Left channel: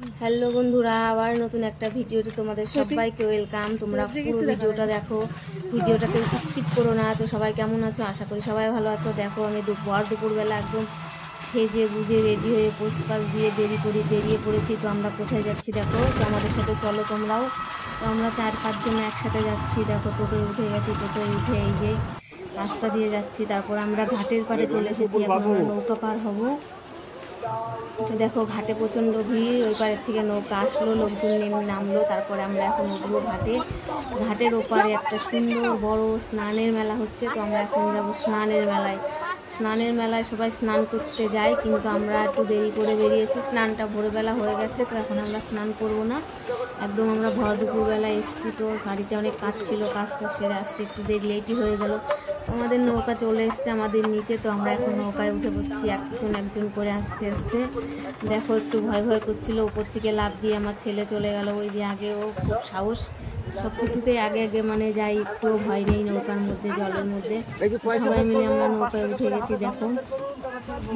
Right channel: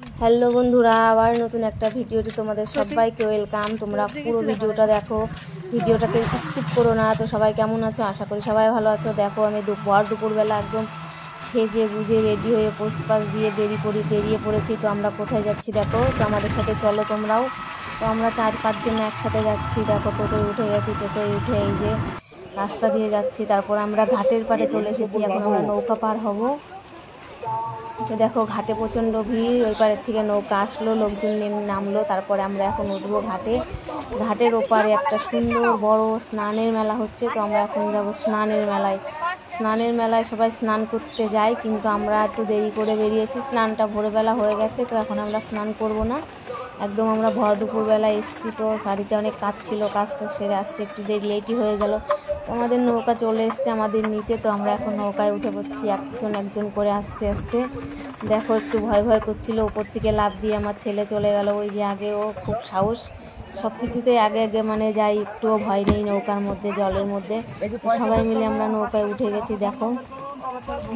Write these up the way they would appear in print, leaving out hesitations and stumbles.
Hello বন্ধুরা, আবার নতুন একটা ভিডিওতে তোমাদের সবাইকে ওয়েলকাম। তোমরা পুরো ভিডিওটা দেখো, ভিডিওটাকে স্কিপ করো না। তো সবাই কেমন আছো? আশা করি সবাই ভালো আছো। দেখো আমি দুপুরবেলা একদম সেজে গুজে রেডি হয়ে পোস্টপাস দিয়ে বেরিয়ে পড়েছি। তো আমরা কোথায় যাচ্ছি দেখো, তো আমাদের সাথে চলো তোমরাও। তো আমরা 4-5 জন একসাথে যাচ্ছি। দেখো টোটোয় উঠে গেছি, টোটোয় উঠে এই যে রাস্তা দিয়ে যাচ্ছি। তারপর আমরা ঘাটের পাড়ে চলে এসেছি, এখন আমরা নৌকা পার হব। তো দেখো ঘাটে প্রচণ্ড ভিড়, ওই পাড়ের থেকে নৌকা আসলো, লোকজন নেমে নামলো। তারপরে আমরা এখন উঠবো ঘাটে। ঘাটের ওপারে একটা সুন্দর বড় স্নানের মেলা হচ্ছে। তো আমরা এখন যাবো স্নানের মেলায় সবাই স্নান করতে যায়, কিন্তু আমরা একটু দেরি করে বেরিয়েছি। স্নানটা ভোরবেলা হয়ে গেছে, তো এখন আমরা স্নান করব না, একদম আমরা দুপুরবেলা এসেছি। তো বাড়িতে অনেক কাজ ছিল, কাজটা সেরে আসতে একটু লেটই হয়ে গেল। তো আমাদের নৌকা চলে এসছে আমাদের নিতে। তো আমরা এখন নৌকায় উঠে পড়ছি একজন করে আস্তে আস্তে। দেখো একটু ভয় করছিল, উপর থেকে লাফ দিয়ে আমার ছেলে চলে গেল। ওই যে আগে ও খুব সাহস, সব কিছুতেই আগে মানে যাই, একটুও ভয় নেই নৌকার মধ্যে, জলের মধ্যে। সবাই মিলে আমরা নৌকায় উঠে গেছি। দেখো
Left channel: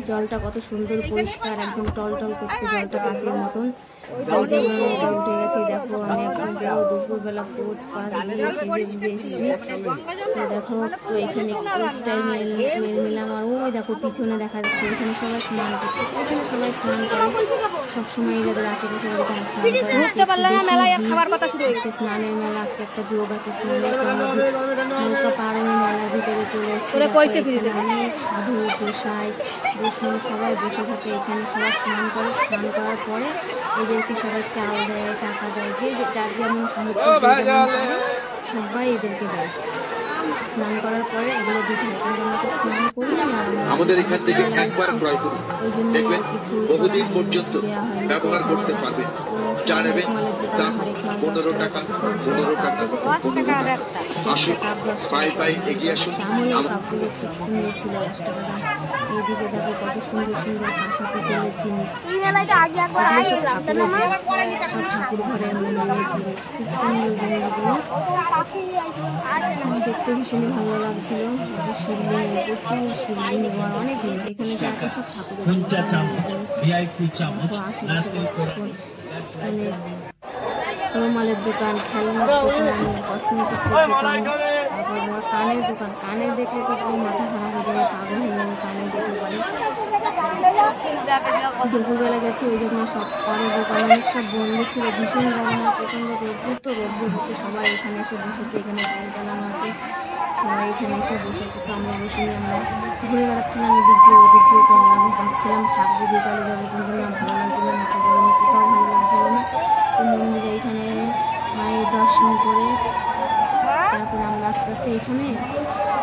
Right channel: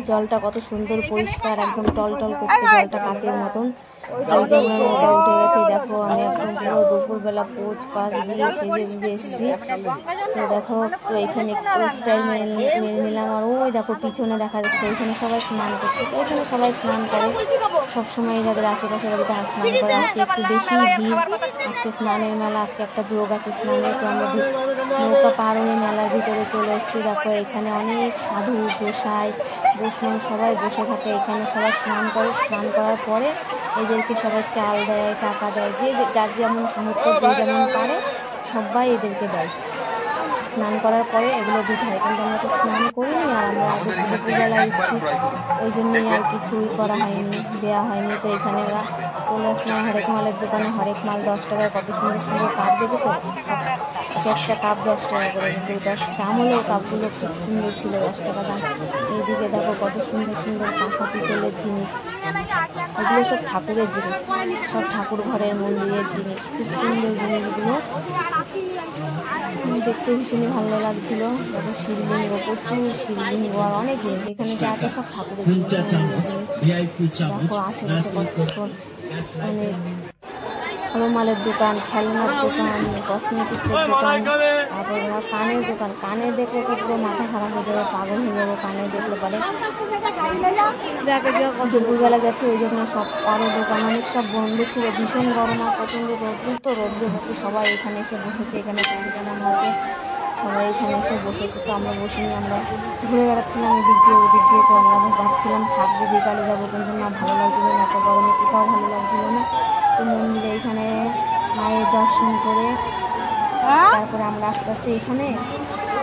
জলটা কত সুন্দর পরিষ্কার, একদম টলটল করছে জলটা, কাঁচের মতন। তো এই যে আমরা নৌকায় উঠে গেছি। দেখো আমি একদম পুরো দুপুরবেলা পোজ দিয়ে সেজে এসেছি। তো দেখো তো এখানে পোজটাই নিলাম। আর ওই দেখো পিছনে দেখা যাচ্ছে, এখানে সবাই স্নান করছে। তো এখানে সবাই স্নান করে, সবসময় যাদের আশেপাশে বাড়িতে স্নান করে। আজকে একটু বেশি ভিড়, আজকে স্নানের মেলা, আজকে একটা যোগ আছে স্নানের। তো আমরা নৌকা পার হয়ে মেলার ভিতরে চলে এসেছি। দেখো এখানে অনেক সাধু গোসাই বৈষ্ণব সবাই বসে থাকে। এখানে সবাই স্নান করে, স্নান করার পরে এদেরকে সবাই চাল দেয়, টাকা দেয়, যে যার যেমন সামর্থ্য, যে যেমন পারে সবাই এদেরকে দেয়। স্নান করার পরে এগুলো দিতে হয়, কিন্তু আমরা তো স্নান করিনি। আর আমরা দুপুরবেলা এসেছি, ওই জন্যই আর কিছুই করা হয়নি, দেওয়া হয়নি। তো এখানে আমরা চলে আসলাম হরেক মালের দোকানে। হরেক মাল 10 টাকায়, কত সুন্দর সুন্দর কাপ দেখেছো, একটা কাপ 10 টাকা করে। 10 দাম হলেও কাপগুলো খুব সুন্দর ছিল, 10 টাকা দাম। এইদিকে দেখো কত সুন্দর সুন্দর কাঁসা পিতলের জিনিস, এগুলো সব ঠাকুরের জিনিস, সব ঠাকুর ঘরের মন্দিরের জিনিস, খুব সুন্দর জিনিসগুলো দেখতে ভীষণই ভালো লাগছিল। শিবলিঙ্গ, প্রচুর শিবলিঙ্গ আর অনেক জিনিস এখানে যা আছে সব ঠাকুরের জিনিস। দেখো আশেপাশে মানে রুমালের দোকান, খেলনার দোকান, কসমেটিক্সের দোকান, তারপর কানের দোকান। কানে দেখলে তো পুরো মাথা খারাপ হয়ে যাবে, পাগল হয়ে যাবে কানে দেখলে পারে। দুপুরবেলা গেছি, ওই জন্য সব আরও দোকান অনেক সব বন্ধ ছিল। ভীষণ গরম আর প্রচণ্ড রোদ্দুর, তো রোদ্রে হচ্ছে সবাই এখানে এসে বসেছে। এখানে পৌঁছানো আছে, সবাই এখানে এসে বসেছে। তো আমরা বসিনি, আমরা ঘুরে বেড়াচ্ছিলাম ওদিক দিয়ে ওদিক দিয়ে। তো আমরা ভাবছিলাম থাকবো, বিকালে যাবো, কিন্তু না, ভালো লাগছিলো না, এত গরমে কোথাও ভালো লাগছিলো না। তো মন্দিরে এইখানে মায়ের দর্শন করে তারপরে আমরা আস্তে আস্তে এখানে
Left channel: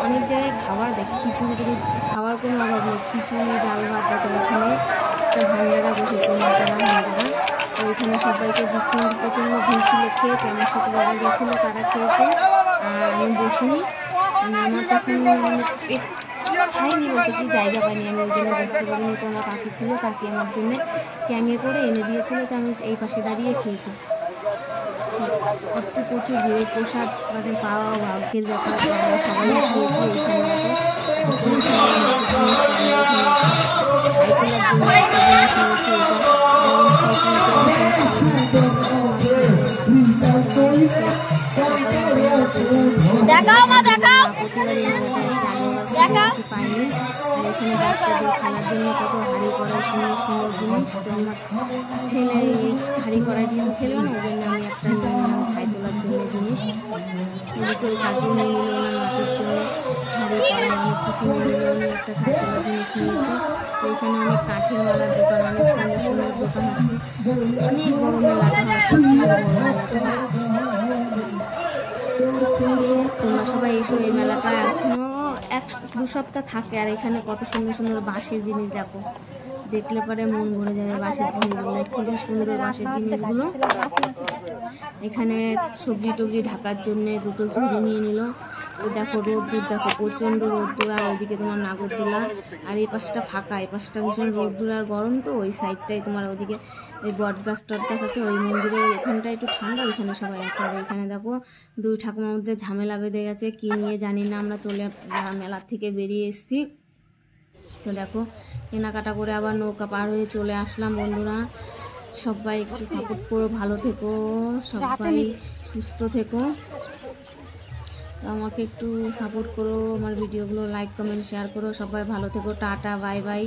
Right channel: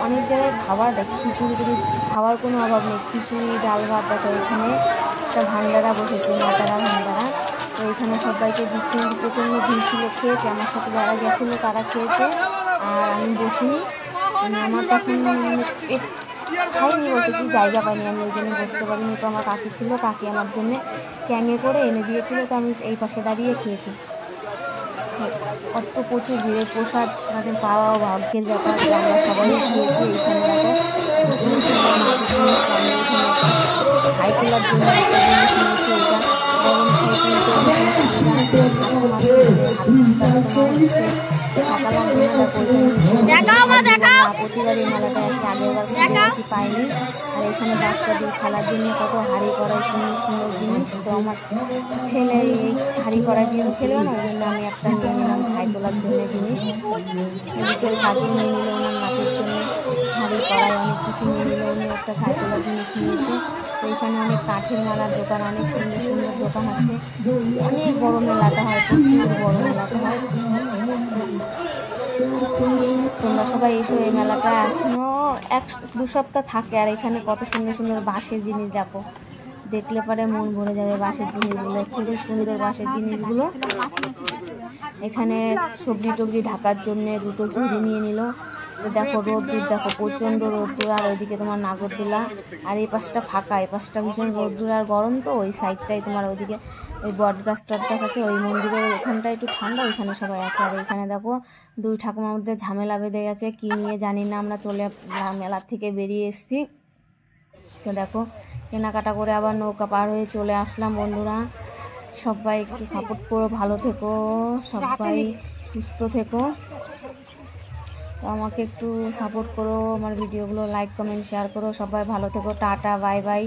অনেক জায়গায় খাবার দেখি, খিচুড়ি খাওয়ার কোনো অভাব নেই, খিচুড়ি ডাল ভাত। দেখো এখানে একটা ভান্ডারা বসেছে, মাতারা ভান্ডারা। তো এখানে সবাইকে দিচ্ছি, প্রচণ্ড ভিড় ছিল। খেয়েছে, আমার সাথে যারা গেছিলো তারা খেয়েছে, আর আমি বসিনি। মানে আমার তখন পেট খাইনি বলতে কি, জায়গা পাইনি, আমি ওই জন্য বসতে পারিনি। তো আমার কাকি ছিল, কাকি আমার জন্য ক্যাঙে করে এনে দিয়েছিল, তো আমি এই পাশে দাঁড়িয়ে খেয়েছি। কত প্রচুর ভিড়ে প্রসাদ মানে পাওয়াও ভাগ্যের ব্যাপার। তো আমরা সবাই খেয়েছি। এইখানে দেখো হাই তোলার জন্য একটা জিনিস নিয়েছি, এটা গরম ছাই তুলতে প্রতিবারই মেলাটা এসে আগেরবার পাইনি। আর এখানে বাচ্চাদের খেলার জন্য কত হাঁড়ি করার সুন্দর সুন্দর জিনিস। তো আমার ছেলে এই হাঁড়ি করার জন্য খেলবে না, ওই জন্য আমি একটা নিয়ে নিলাম ছাই তোলার জন্য জিনিস। এদিকে কাকি নিয়ে নিল ওনার মাটির জন্য হাঁড়ি করায় অনেক কিছু নিয়ে নিল, উনি একটা ছাই তোলার জিনিস নিয়েছে। তো এখানে অনেক কাঠের মেলার দোকান, অনেক সুন্দর সুন্দর দোকান আছে। অনেক বড় মেলাটা হয়, প্রচুর বড় মেলাটা হয়। তোমরা সবাই এসো, এই মেলাটা এখনো 1-2 সপ্তাহ থাকে। আর এখানে কত সুন্দর সুন্দর বাঁশের জিনিস দেখো, দেখলে পরে মন ভরে যাবে। বাঁশের জিনিসগুলো খুবই সুন্দর, বাঁশের জিনিসগুলো। এখানে সবজি টবজি ঢাকার জন্য 2টো ঝুড়ি নিয়ে নিল। তো দেখো রোদ্দুর, দেখো প্রচণ্ড রোদ্দুর। আর ওইদিকে তোমার নাগরদোলা, আর এই পাশটা ফাঁকা, এই পাশটা ভীষণ রোদ্দুর আর গরম। তো ওই সাইডটাই তোমার ওইদিকে ওই বটগাছ টটগাছ আছে, ওই মন্দিরের ওইখানটা একটু ঠান্ডা, ওইখানে সবাই আছে। আর এইখানে দেখো 2 ঠাকুমার মধ্যে ঝামেলা বেঁধে গেছে, কি নিয়ে জানি না। আমরা মেলার থেকে বেরিয়ে এসেছি। তো দেখো কেনাকাটা করে আবার নৌকা পার হয়ে চলে আসলাম বন্ধুরা। সবাই একটু সাপোর্ট করো, ভালো থেকো, সবাই সুস্থ থেকো। তো আমাকে একটু সাপোর্ট করো, আমার ভিডিওগুলো লাইক কমেন্ট শেয়ার করো। সবাই ভালো থেকো, টাটা বাই বাই।